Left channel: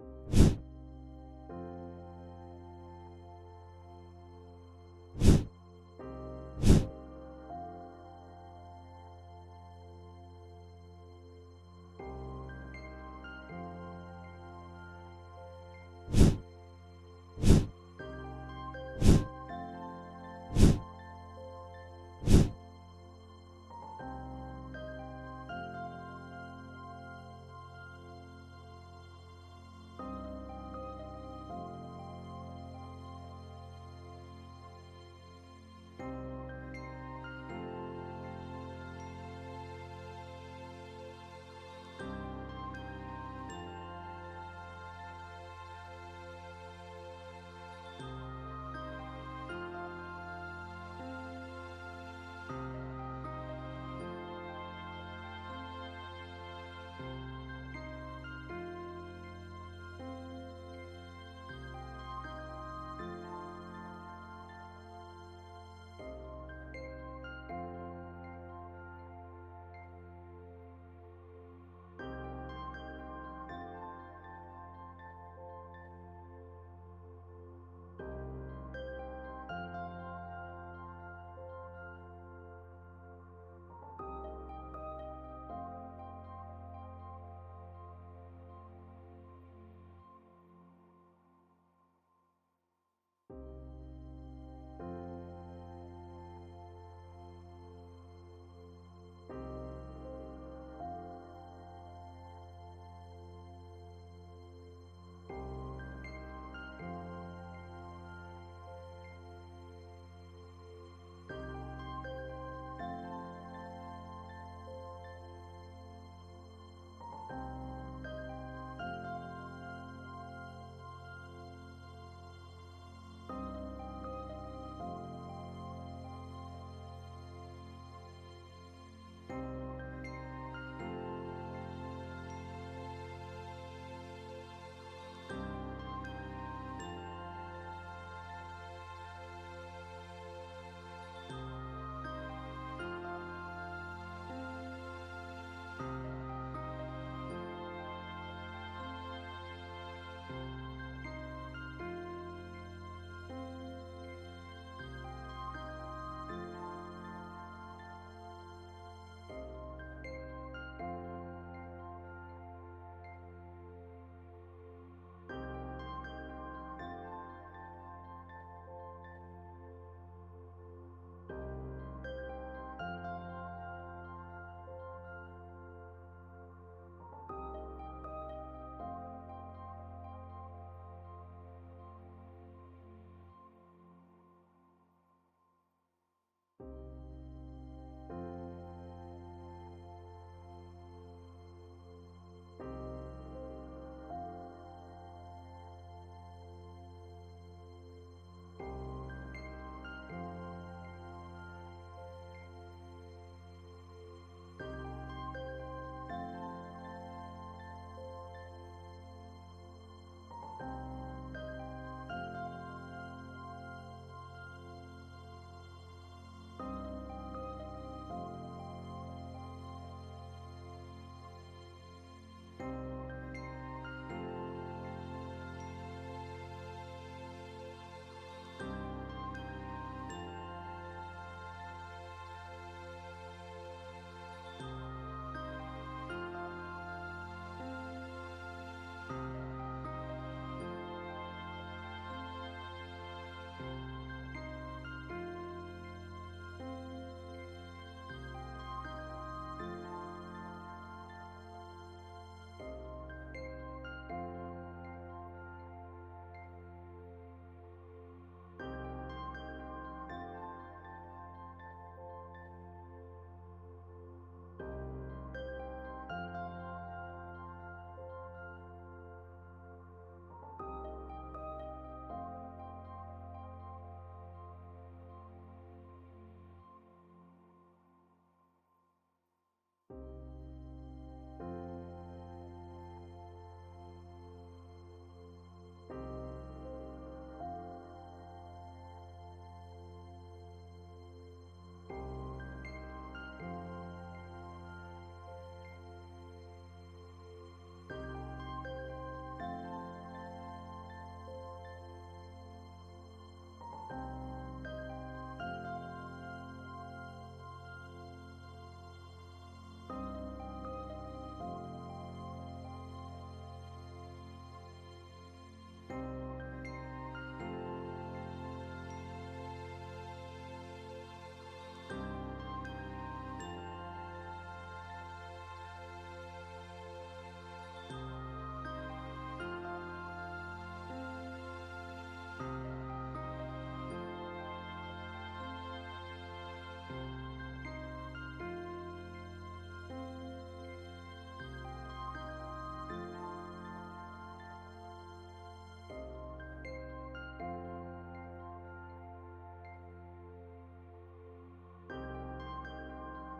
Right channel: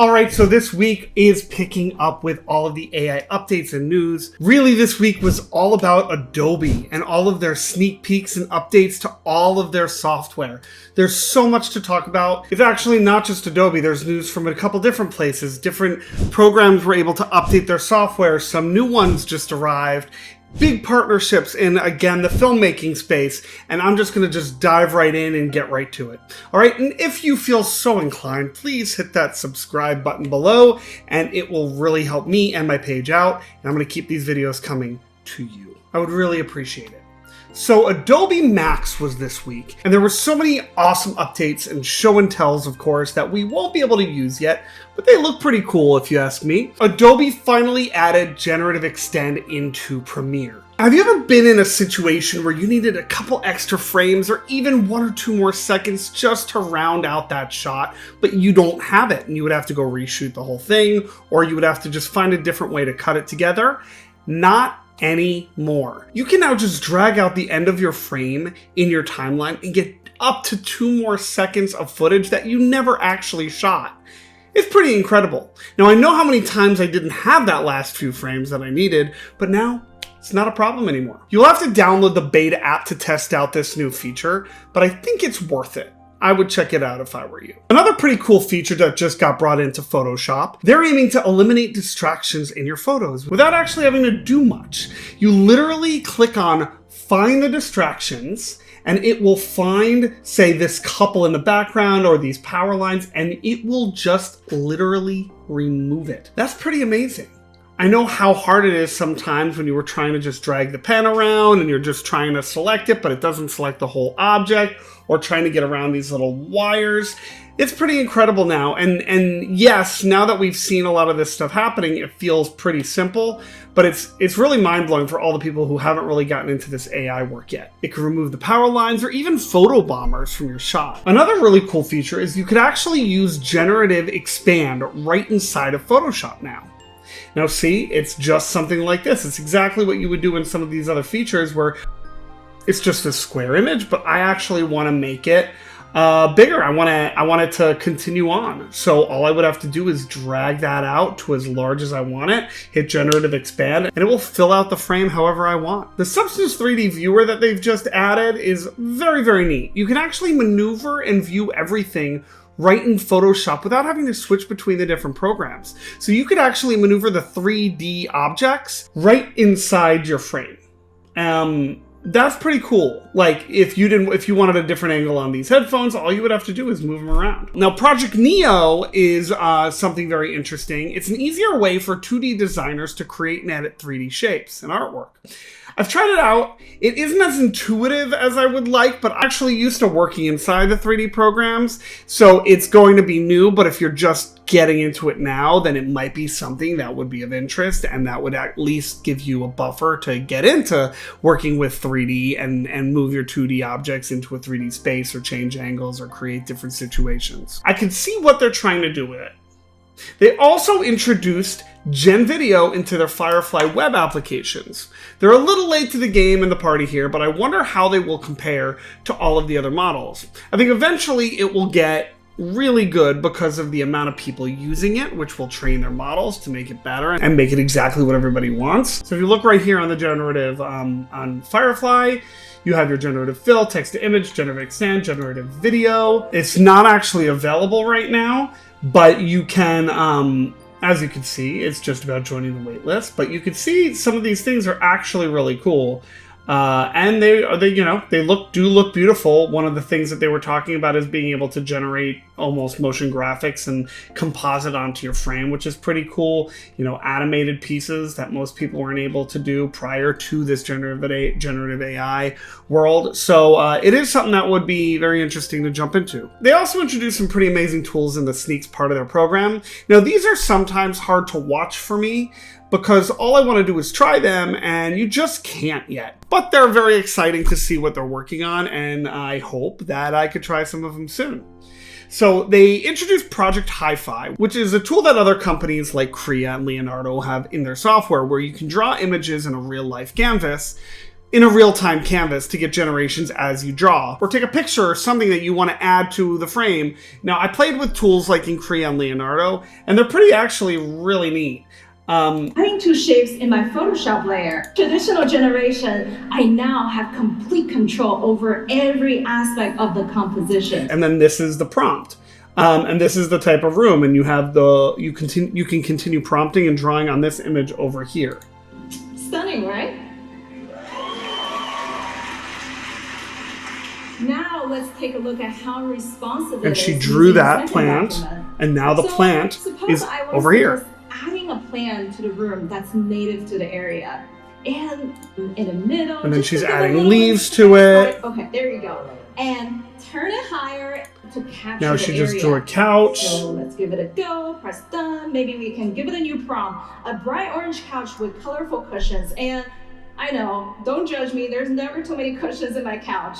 All right, so this week is picking up with all of the AI updates and news. Really, this week was all about Adobe and all of their sneak peeks and updates to all of their software. There's so much to talk about. It's actually not just Adobe. There's news from a couple different places. Different programs were able to update their software. Some new ones just arrived. Big partnerships in, again, the filmmaking space, and I'm just going to dive right in and get right to it. All right, and if you feel so inclined, please hit that subscribe button below, and it will really help me and my page out, and I'm going to keep these videos coming to you. I would really appreciate it. So Adobe Max was this week, and there were so many awesome updates and show and tells, of course, that we won't be able to use yet, but they look pretty cool if you ask me. Adobe finally added Generative Extend into Premiere. Have you ever been in a situation where you needed a couple extra frames or even 1 or 2 more seconds just to round out that shot, but you don't have it and you would have to go reshoot the whole thing, or you would have to just find a different way to cut it together? Not anymore. You can now just drag out the end of your frame in your timeline and get up to 2 more seconds of footage that you never actually shot. It's pretty incredible. Now, I know how many times I didn't have that last few frames that I needed, but now it's not a problem anymore. You'll have to download the beta app to test out this new feature, but I think it's worth it. I would check it out if I were you. Another pretty cool feature that just got brought into Photoshop, they're aiming to eliminate distractions in your photos without actually having to do much. You literally click on Find the Distractions, and it will find, say, this couple in the background or these power lines, and it will just literally remove it. That's pretty amazing. I know how hard it is sometimes when you were trying to just drag the pen around and you're just trying to select it, but it doesn't select the whole object, or trying to get around these little wires. It's pretty incredible now. And yes, now that we've seen a lot of this stuff happening, it feels pretty simple, but it's really mind-blowing for all the people who haven't really gotten into this AI work yet. It can remove the power lines or even photo bombers from your shot. Another really cool feature is you could actually use Generative Expand right inside of Photoshop now. Now see, it's just something like this. It's exactly what you would do in some of these other features where it's just a square image, but I actually want to make it bigger. I want it to continue on. So all I would have to do is drag that out to as large as I want it, hit Generative Expand, and it will fill out the frame however I want. The Substance 3D viewer that they've just added is very, very neat. You can actually maneuver and view everything right in Photoshop without having to switch between the different programs. So you could actually maneuver the 3D objects right inside your frame. That's pretty cool. Like if you wanted a different angle on these headphones, all you would have to do is move them around. Now, Project Neo is something very interesting. It's an easier way for 2D designers to create and edit 3D shapes and artwork. I've tried it out. It isn't as intuitive as I would like, but I'm actually used to working inside the 3D programs, so it's going to be new, but if you're just getting into it now, then it might be something that would be of interest, and that would at least give you a buffer to get into working with 3D and move your 2D objects into a 3D space or change angles or create different situations. I can see what they're trying to do with it. They also introduced Gen Video into their Firefly web applications. They're a little late to the game in the party here, but I wonder how they will compare to all of the other models. I think eventually it will get really good because of the amount of people using it, which will train their models to make it better and make it exactly what everybody wants. So if you look right here on the generative on Firefly, you have your generative fill, text to image, generative extend, generative video. It's not actually available right now, but you can, as you can see, it's just about joining the waitlist. But you can see some of these things are actually really cool, and they do look beautiful. One of the things that they were talking about is being able to generate almost motion graphics and composite onto your frame, which is pretty cool. You know, animated pieces that most people weren't able to do prior to this generative AI world. So it is something that would be very interesting to jump into. They also introduced some pretty amazing tools in the Sneaks part of their program. Now, these are sometimes hard to watch for me because all I want to do is try them, and you just can't yet. But they're very exciting to see what they're working on, and I hope that I could try some of them soon. So they introduced Project HiFi, which is a tool that other companies like Crea and Leonardo have in their software, where you can draw images in a real-life canvas in a real-time canvas to get generations as you draw, or take a picture or something that you want to add to the frame. Now, I played with tools like in Crea and Leonardo, and they're pretty actually really neat. Adding two shapes in my Photoshop layer. Traditional generation, I now have complete control over every aspect of the composition. And then this is the prompt. And this is the type of room, and you have you can continue prompting and drawing on this image over here. Stunning, right? Now let's take a look at how responsive it is. And she drew that plant, and now the plant is over here. Adding a plant to the room that's native to the area, and in the middle. And then she's adding leaves to it. Okay, there you go. And turn it higher to capture now the she area. just drew a couch. So let's give it a go. Press done. Maybe we can give it a new prompt. A bright orange couch with colorful cushions. And I know, don't judge me. There's never too many cushions in my couch.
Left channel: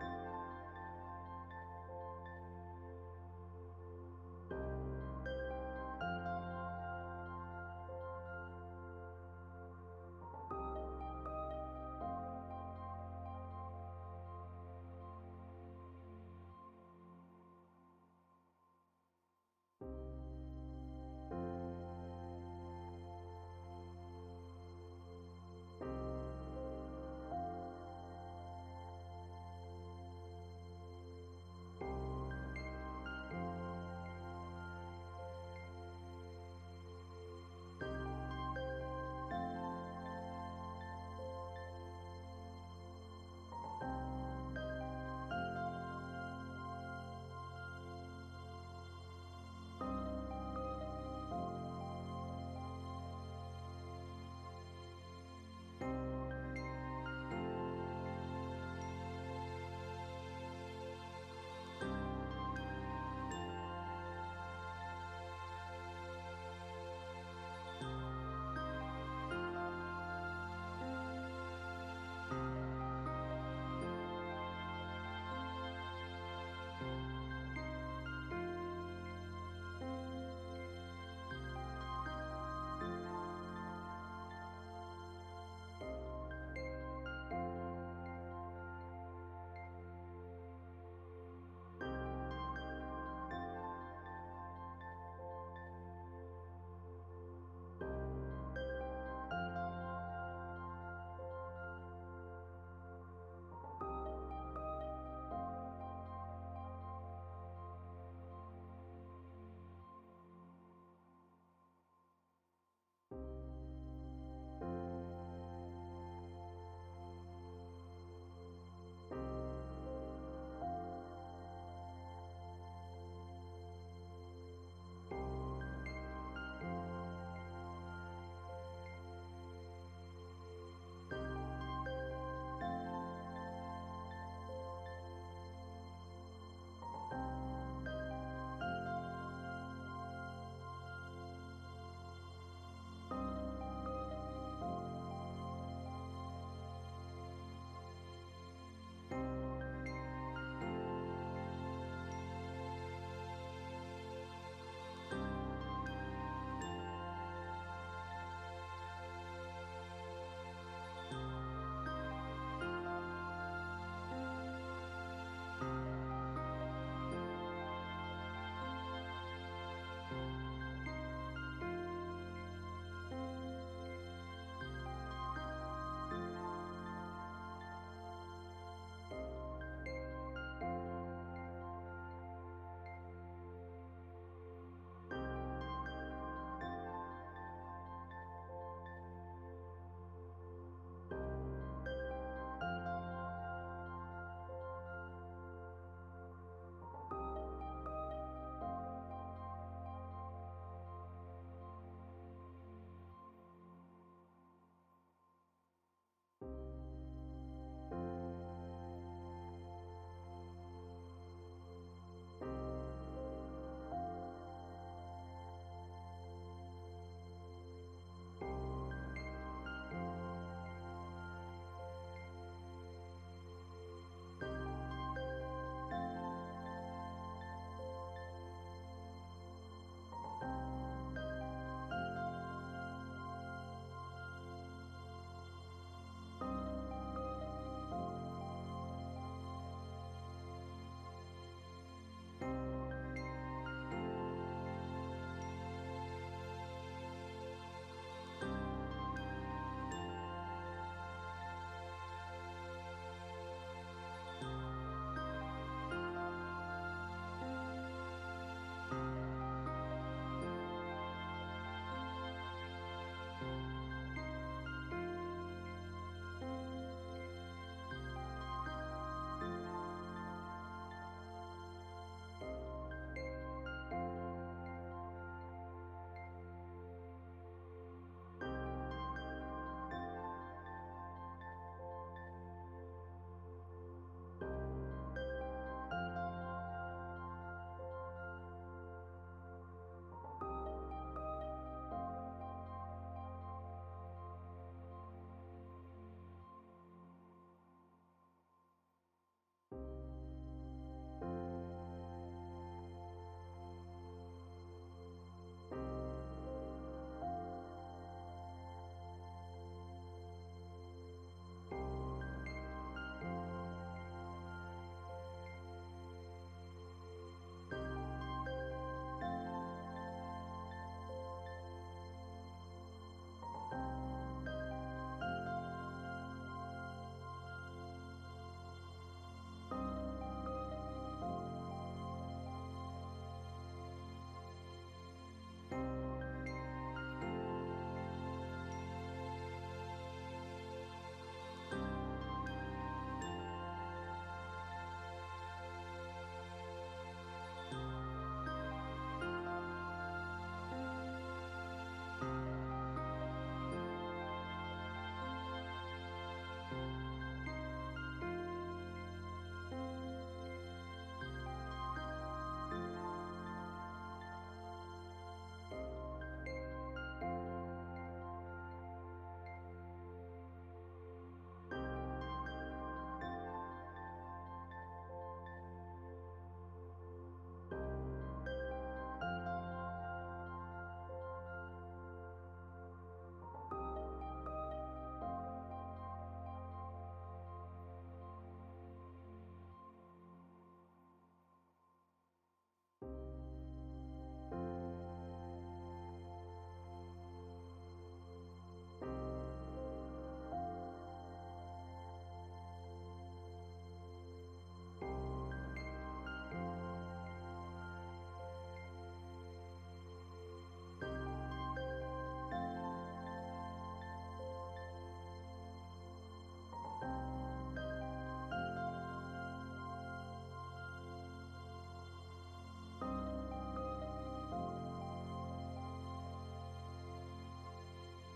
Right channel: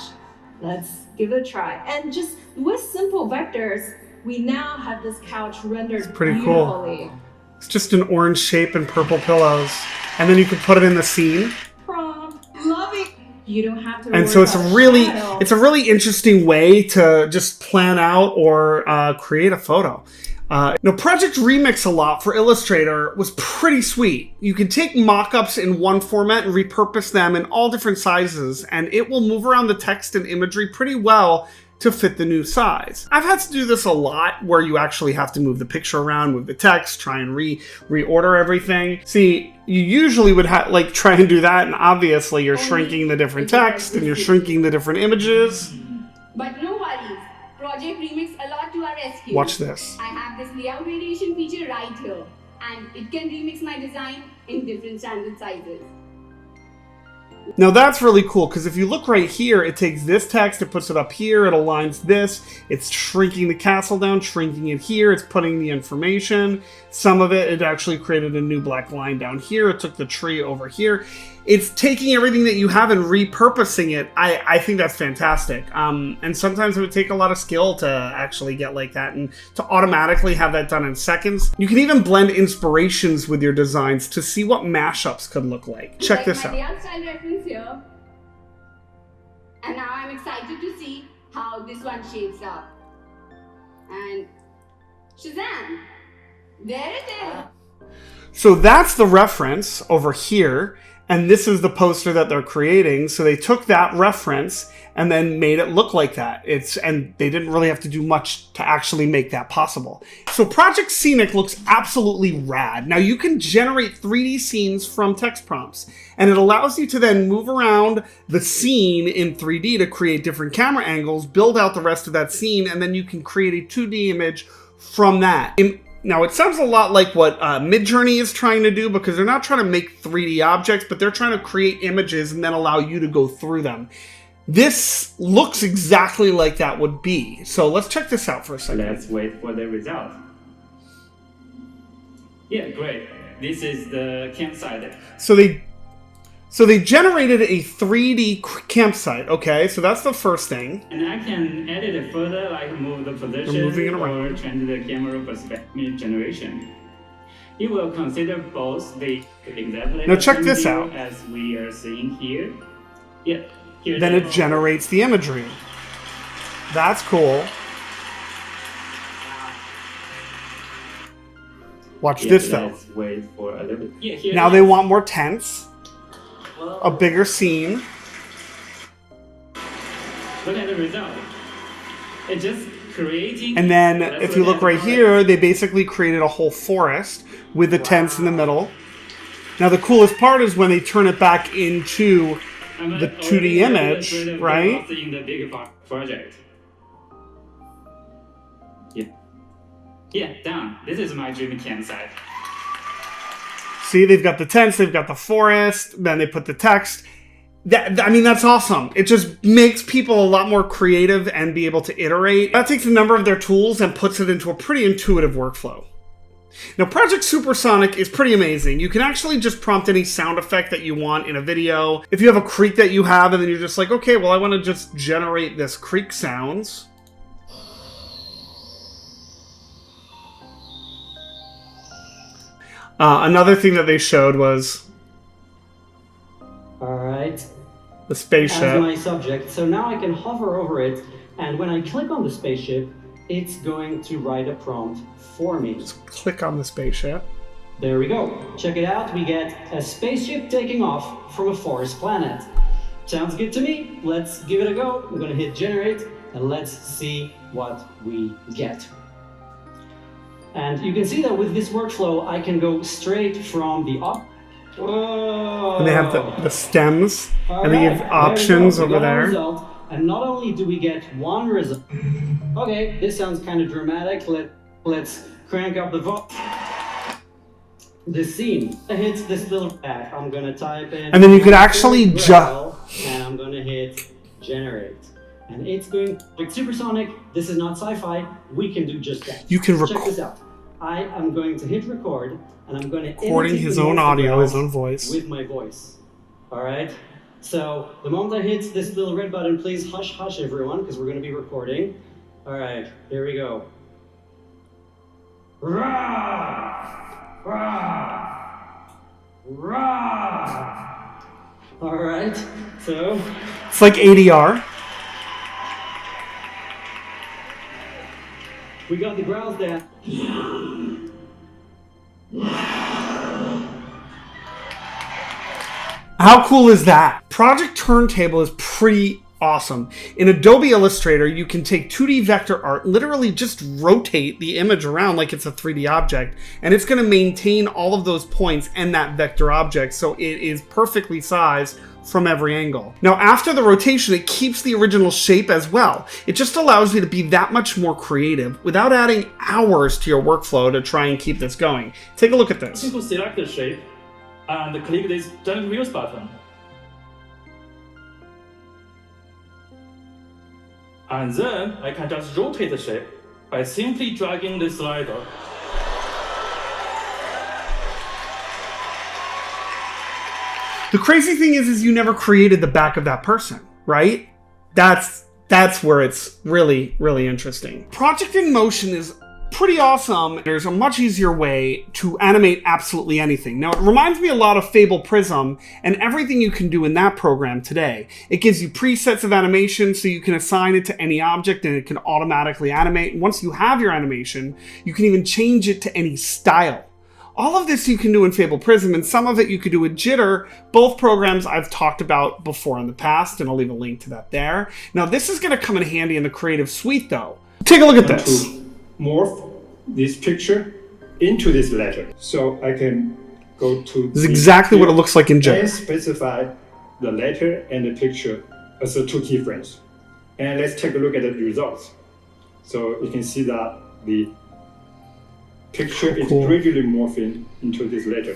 Let's give it a try. And just with simple vectors, we now have this couch rendered pretty beautifully. Cool. It's just an orange shape and purple pillows. And then you can put it in the scene. Prompt. Love it. You don't have to. And so it's a really interesting way to just plan out or create a photo. Now, Project Remix a lot for Illustrator was pretty sweet. You can take mock-ups in one format and repurpose them in all different sizes, and it will move around the text and imagery pretty well to fit the new size. I've had to do this a lot where you actually have to move the picture around, move the text, try and reorder everything. See, you usually would try and do that, and obviously you're shrinking the different text and you're shrinking the different images. But no worries, Project Remix a lot to our rescue. Watch this. I have this layout variation feature right here, and it can remix my design in different standard sizes. Now that's really cool, because if you look right here, it takes this text, it puts it up here, it aligns this, it's shrinking the castle down, shrinking it here, it's putting the information. Some of it actually created a new black line down here, it took the tree over here. It's taking everything that you have and repurposing it. I think that's fantastic. And sometimes it would take a lot of skill to actually get like that, and to automatically have that done in seconds. You can even blend inspirations with your designs to see what mashups could look like. Check this out. Style reference here. And now I'm excited to see how this one shapes up. And Shazam! There it is! So that's the reference over here. And this is the poster that they're creating. So they took that reference and then made it look like that. And they didn't really have to do much to actually make that possible. So Project Scenic looks absolutely rad. Now you can generate 3D scenes from text prompts, and it allows you to then move around the scene in 3D to create different camera angles, build out the rest of that scene, and then you can create a 2D image from that. Now, it sounds a lot like what Midjourney is trying to do, because they're not trying to make 3D objects, but they're trying to create images and then allow you to go through them. This looks exactly like that would be. So let's check this out for a second. Let's wait for the result. Yeah, great. This is the campsite. So they generated a 3D campsite, okay? So that's the first thing. And I can edit it further, like move the position They're moving it around. or change the camera perspective generation. It will consider both the exact Now check this out. as we are seeing here. Yeah. Here Then it generates the imagery. That's cool. Watch this though. Let's wait for a little bit. Yeah, here Now they want more tents. A bigger scene. Look at the result. It's just creating. And then if you look right here, they basically created a whole forest with the tents in the middle. Now the coolest part is when they turn it back into the 2D image, right? In the bigger project. Yeah. Yeah, done. This is my dream campsite. See, they've got the tents, they've got the forest, then they put the text. I mean, that's awesome. It just makes people a lot more creative and be able to iterate. That takes a number of their tools and puts it into a pretty intuitive workflow. Now, Project Supersonic is pretty amazing. You can actually just prompt any sound effect that you want in a video. If you have a creek that you have and then you're just like, okay, well, I want to just generate this creek sounds. Another thing that they showed was... Alright, the spaceship as my subject. So now I can hover over it, and when I click on the spaceship, it's going to write a prompt for me. Just click on the spaceship. There we go. Check it out. We get a spaceship taking off from a forest planet. Sounds good to me. Let's give it a go. We're going to hit generate, and let's see what we get. And you can see that with this workflow, I can go straight from the Whoa. And they have the stems, All and they right, give options there we go. over We got our there. result, and not only do we get one result. Okay, this sounds kind of dramatic. Let's crank up the volume. The scene hits this little pad. I'm gonna type in. And then you could actually and I'm gonna hit generate. And it's going like Supersonic. This is not sci-fi. We can do just that. You can Check this out. I am going to hit record, and I'm going to recording his own audio, his own voice. with my voice. All right. So the moment I hit this little red button, please hush, hush, everyone, because we're going to be recording. All right. Here we go. Rah! Rah! Rah! All right. So It's like ADR. we got the growls there. How cool is that? Project Turntable is pretty awesome. In Adobe Illustrator, you can take 2D vector art, literally just rotate the image around like it's a 3D object, and it's going to maintain all of those points and that vector object, so it is perfectly sized from every angle. Now, after the rotation, it keeps the original shape as well. It just allows you to be that much more creative without adding hours to your workflow to try and keep this going. Take a look at this. Simply select the shape and click this Generate Views button. And then I can just rotate the shape by simply dragging the slider. The crazy thing is you never created the back of that person, right? That's where it's really, really interesting. Project in Motion is pretty awesome. There's a much easier way to animate absolutely anything. Now, it reminds me a lot of Fable Prism and everything you can do in that program today. It gives you presets of animation, so you can assign it to any object and it can automatically animate. And once you have your animation, you can even change it to any style. All of this you can do in Fable Prism, and some of it you could do with Jitter, both programs I've talked about before in the past, and I'll leave a link to that there. Now, this is going to come in handy in the Creative Suite, though. Take a look at this. To morph this picture into this letter. So I can go to This is exactly what it looks like in and Jitter. specify the letter and the picture as the two keyframes. And let's take a look at the results. So you can see that the picture is gradually morphing into this letter.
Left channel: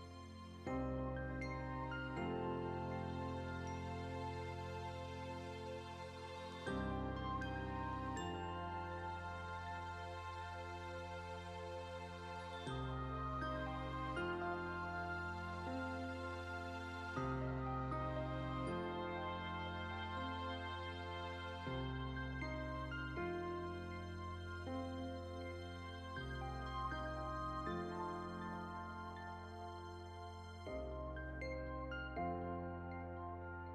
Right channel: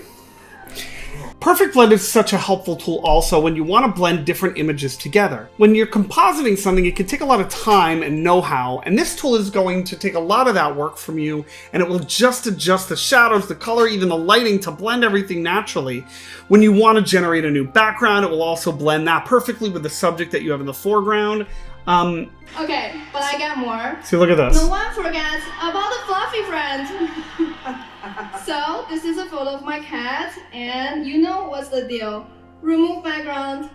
Perfect Blend is such a helpful tool also when you want to blend different images together. When you're compositing something, it can take a lot of time and know-how, and this tool is going to take a lot of that work from you, and it will just adjust the shadows, the color, even the lighting to blend everything naturally. When you want to generate a new background, it will also blend that perfectly with the subject that you have in the foreground. Okay, but I got more. See, look at this. No one forgets about the fluffy friend. So, this is a photo of my cat, and you know what's the deal. Remove background.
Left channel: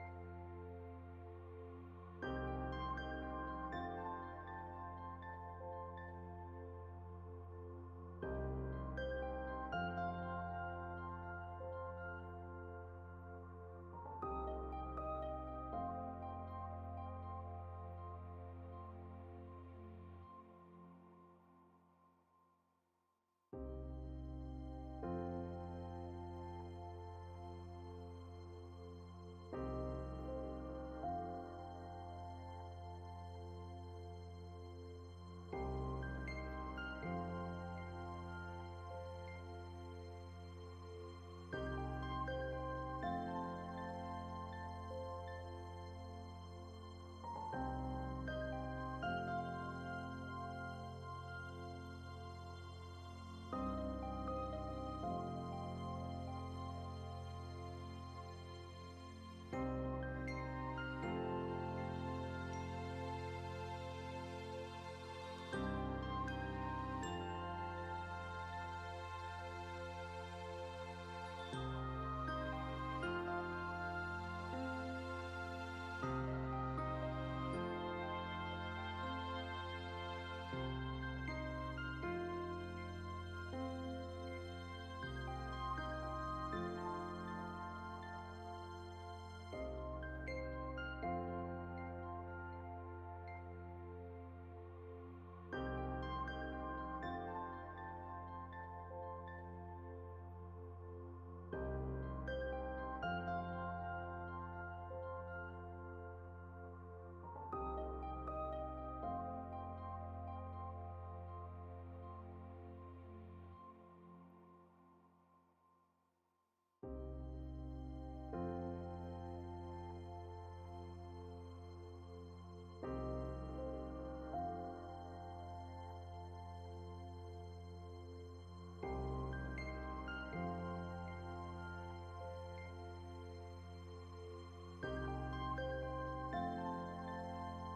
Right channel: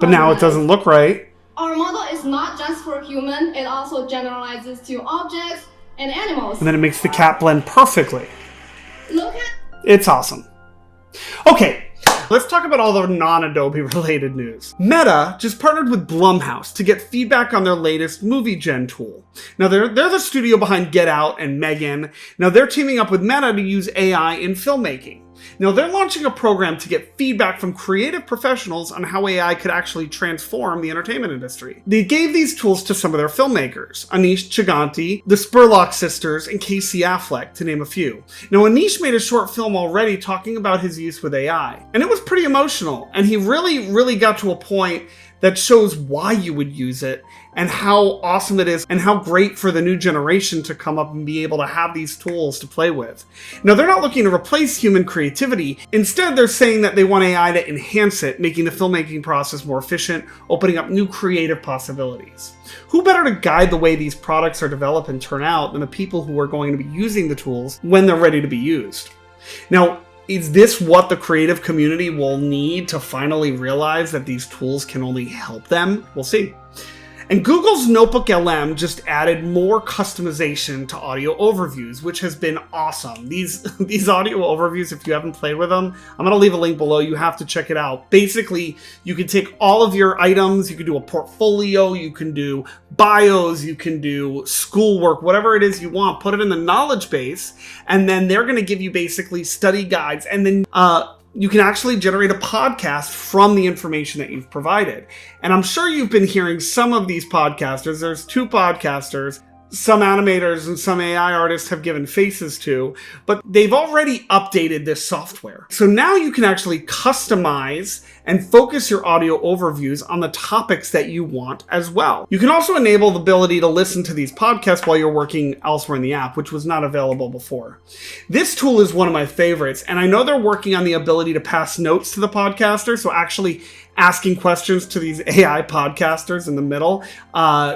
But now it doesn't look right. Our model is not just for human, it also generalizes to objects and animals. And then it makes the cat blend perfectly. Look at It's awesome. Okay, let's talk about all the non-Adobe related news. Meta just partnered with Blumhouse to get feedback on their latest movie gen tool. Now they're the studio behind Get Out and Megan. Now they're teaming up with Meta to use AI in filmmaking. Now they're launching a program to get feedback from creative professionals on how AI could actually transform the entertainment industry. They gave these tools to some of their filmmakers, Anish Chaganty, the Spurlock sisters, and Casey Affleck, to name a few. Now Anish made a short film already talking about his use with AI, and it was pretty emotional, and he really got to a point that shows why you would use it and how awesome it is and how great for the new generation to come up and be able to have these tools to play with. Now, they're not looking to replace human creativity. Instead, they're saying that they want AI to enhance it, making the filmmaking process more efficient, opening up new creative possibilities. Who better to guide the way these products are developed and turn out than the people who are going to be using the tools when they're ready to be used? Now, is this what the creative community will need to finally realize that these tools can only help them? We'll see. And Google's Notebook LM just added more customization to audio overviews, which has been awesome. These audio overviews, if you haven't played with them, I'm going to leave a link below. You have to check it out. Basically, you can take all of your items, you can do a portfolio, you can do bios, you can do schoolwork, whatever it is you want, put it in the knowledge base, and then they're going to give you basically study guides, and then you can actually generate a podcast from the information that you've provided. And I'm sure you've been hearing some of these podcasters. There's 2 podcasters, some animators and some AI artists have given faces to, but they've already updated this software. So now you can actually customize and focus your audio overviews on the topics that you want as well. You can also enable the ability to listen to these podcasts while you're working elsewhere in the app, which was not available before. This tool is one of my favorites, and I know they're working on the ability to pass notes to the podcaster, so actually asking questions to these AI podcasters in the middle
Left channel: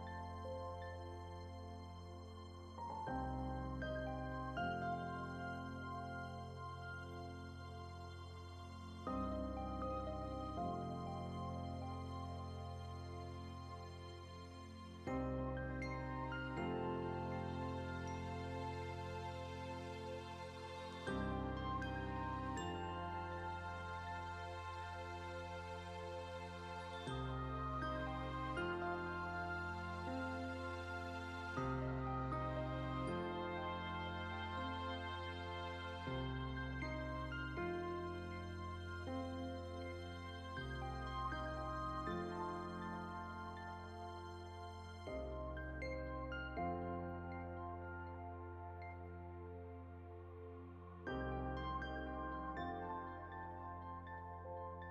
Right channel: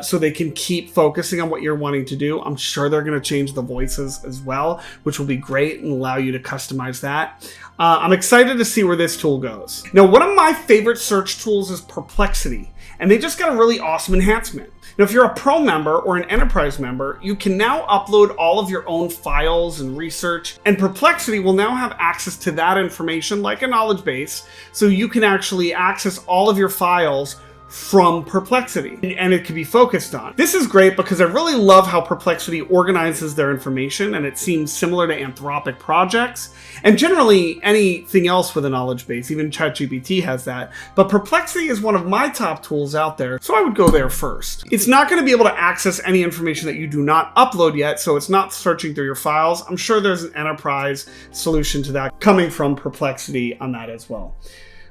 so they can keep focusing on what you're wanting to do. I'm sure they're going to change the voices as well, which will be great and allow you to customize that. I'm excited to see where this tool goes. Now, one of my favorite search tools is Perplexity, and they just got a really awesome enhancement. Now, if you're a pro member or an enterprise member, you can now upload all of your own files and research, and Perplexity will now have access to that information like a knowledge base, so you can actually access all of your files from Perplexity, and it can be focused on. This is great because I really love how Perplexity organizes their information, and it seems similar to Anthropic projects, and generally anything else with a knowledge base. Even ChatGPT has that, but Perplexity is one of my top tools out there, so I would go there first. It's not going to be able to access any information that you do not upload yet, so it's not searching through your files. I'm sure there's an enterprise solution to that coming from Perplexity on that as well.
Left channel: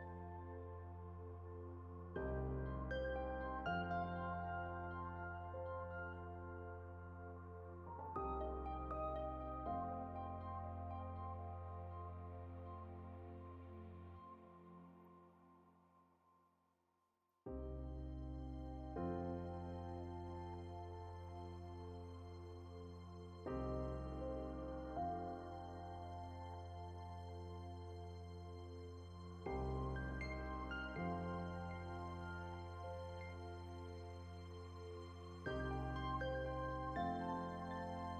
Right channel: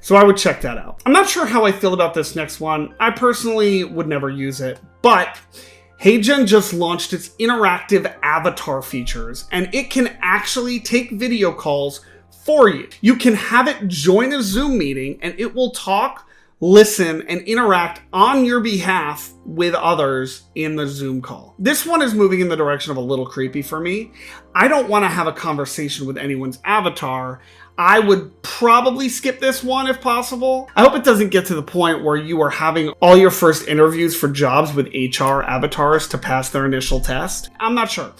So I would check that out. I'm not sure how I feel about this next one. I personally would never use it, but HeyGen just launched its interactive avatar features, and it can actually take video calls for you. You can have it join a Zoom meeting, and it will talk, listen, and interact on your behalf with others in the Zoom call. This one is moving in the direction of a little creepy for me. I don't want to have a conversation with anyone's avatar. I would probably skip this one if possible. I hope it doesn't get to the point where you are having all your first interviews for jobs with HR avatars to pass their initial test. I'm not sure.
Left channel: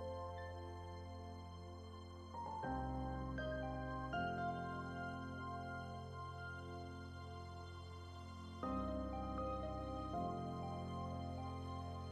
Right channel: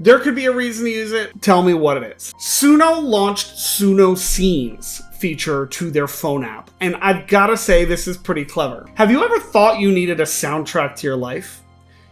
There could be a reason to use it. Tell me what it is. Suno launched Suno Scenes feature to their phone app, and I've got to say this is pretty clever. Have you ever thought you needed a soundtrack to your life?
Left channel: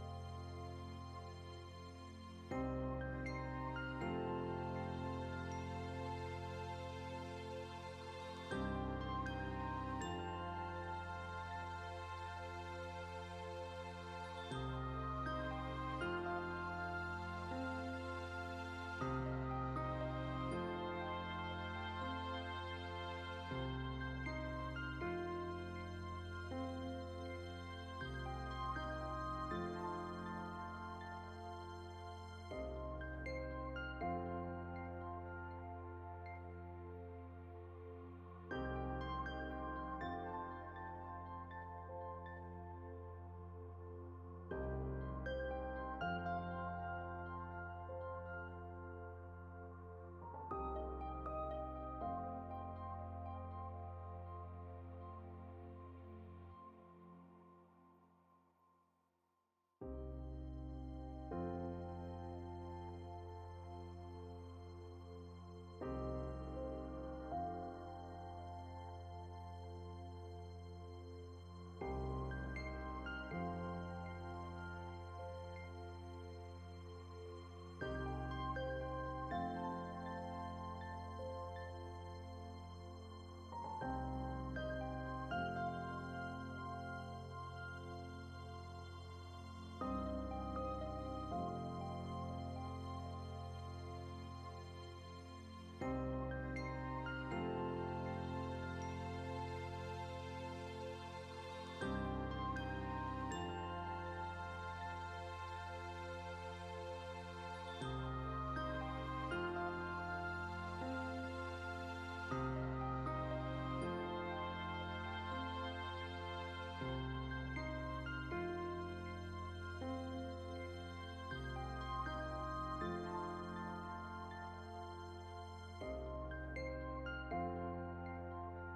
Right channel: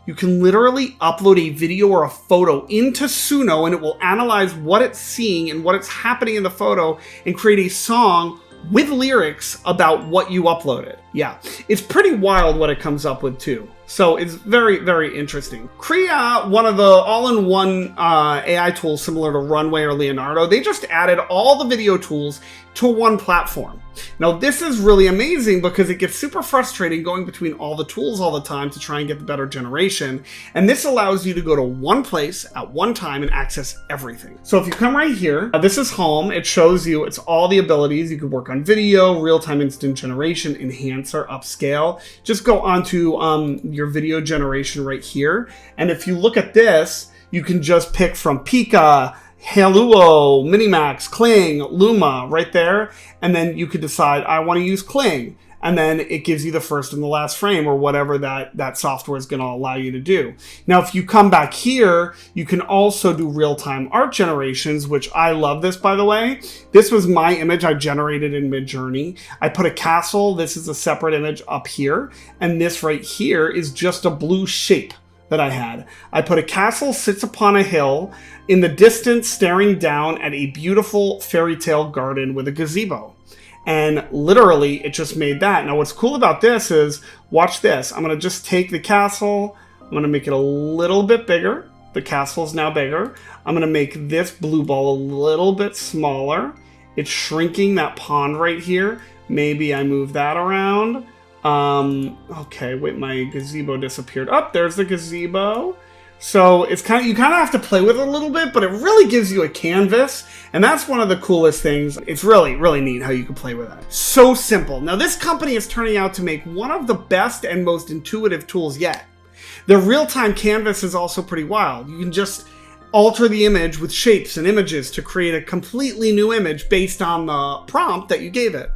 You can literally upload a video or a photo into Suno, and it will analyze what it's seeing and what it's happening in the photo and create a song with lyrics about what you uploaded. Yeah, it's pretty wild what it comes up with too. So it's very, very interesting. Crea, one of the all-in-one AI tools similar to Runway or Leonardo, they just added all the video tools to one platform. Now this is really amazing because it gets super frustrating going between all the tools all the time to try and get the better generation, and this allows you to go to one place at one time and access everything. So if you come right here, this is home. It shows you it's all the abilities. You could work on video, real-time instant generation, enhancer, upscale. Just go onto your video generation right here, and if you look at this, you can just pick from Pika, Haluo, Minimax, Kling, Luma right there, and then you could decide I want to use Kling, and then it gives you the first and the last frame or whatever that software is going to allow you to do. Now if you come back here, you can also do real-time art generations, which I love this, by the way. This was my image I generated in Midjourney. I put a castle. This is a separate image up here, and this right here is just a blue shape that I had. I put a castle sits upon a hill in the distance staring down at a beautiful fairy tale garden with a gazebo. And literally it just made that. Now what's cool about this is, watch this. I'm gonna just take the castle, I'm gonna make it a little bit bigger. The castle's now bigger. I'm gonna make this blue ball a little bit smaller. It's shrinking that pond right here. Maybe I move that around. Okay, wait, my gazebo disappeared. Oh, there's the gazebo. So it's you kind of have to play with it a little bit, but it really gives you a canvas, and that's one of the coolest things. It's really, really neat how you can play with it. So simple. Now this company is turning out to make one of the best and most intuitive tools yet. Their real-time canvas is also pretty wild. You can just alter the image with shapes and images to create a completely new image based on the prompt that you gave it.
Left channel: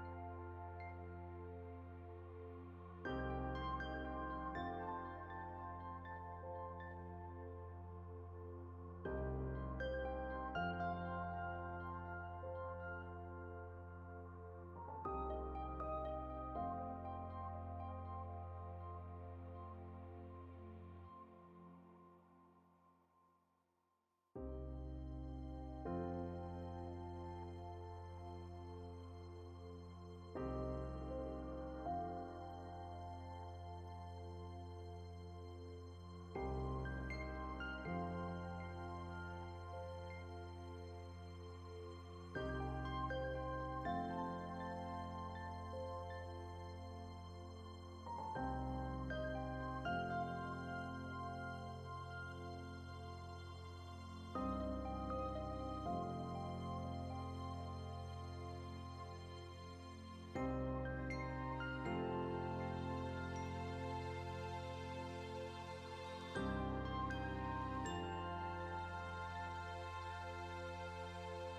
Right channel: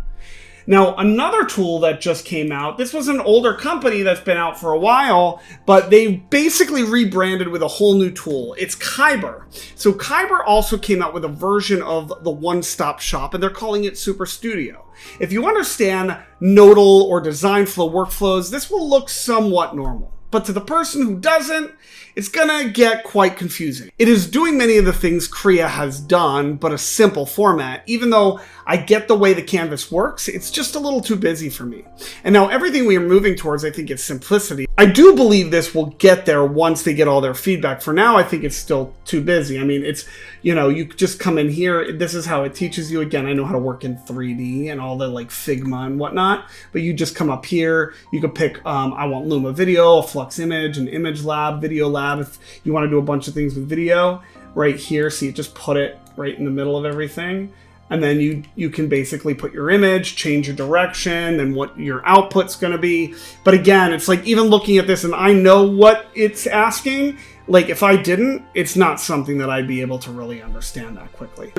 Now, another tool that just came out, this was an older company that's been out for a while, but they basically rebranded with a whole new tool. It's Kyber. So Kyber also came out with a version of the one-stop shop, and they're calling it Super Studio. If you understand nodal or design flow workflows, this will look somewhat normal. But to the person who doesn't, it's gonna get quite confusing. It is doing many of the things Crea has done, but a simple format. Even though I get the way the canvas works, it's just a little too busy for me. And now everything we are moving towards, I think, is simplicity. I do believe this will get there once they get all their feedback. For now, I think it's still too busy. I mean, it's, you know, you just come in here, this is how it teaches you. Again, I know how to work in 3D and all the like Figma and whatnot, but you just come up here, you could pick, I want Luma Video, a Flux Image, an Image Lab, Video Lab, if you want to do a bunch of things with video. Right here, see, it just put it right in the middle of everything. And then you can basically put your image, change your direction, and what your output's gonna be. But again, it's like even looking at this and I know what it's asking, like if I didn't, it's not something that I'd be able to really understand that quickly.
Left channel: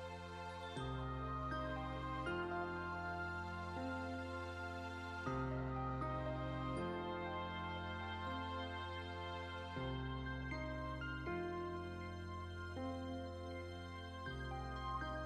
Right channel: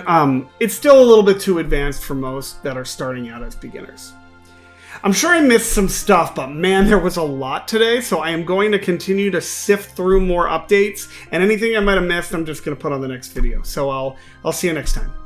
It's still a little bit too advanced for most that are starting out as beginners. I'm sure I missed some stuff, but man, there was a lot today, so I am going to continue to sift through more updates, and anything I might have missed, I'm just gonna put on the next video. So I'll see you next time.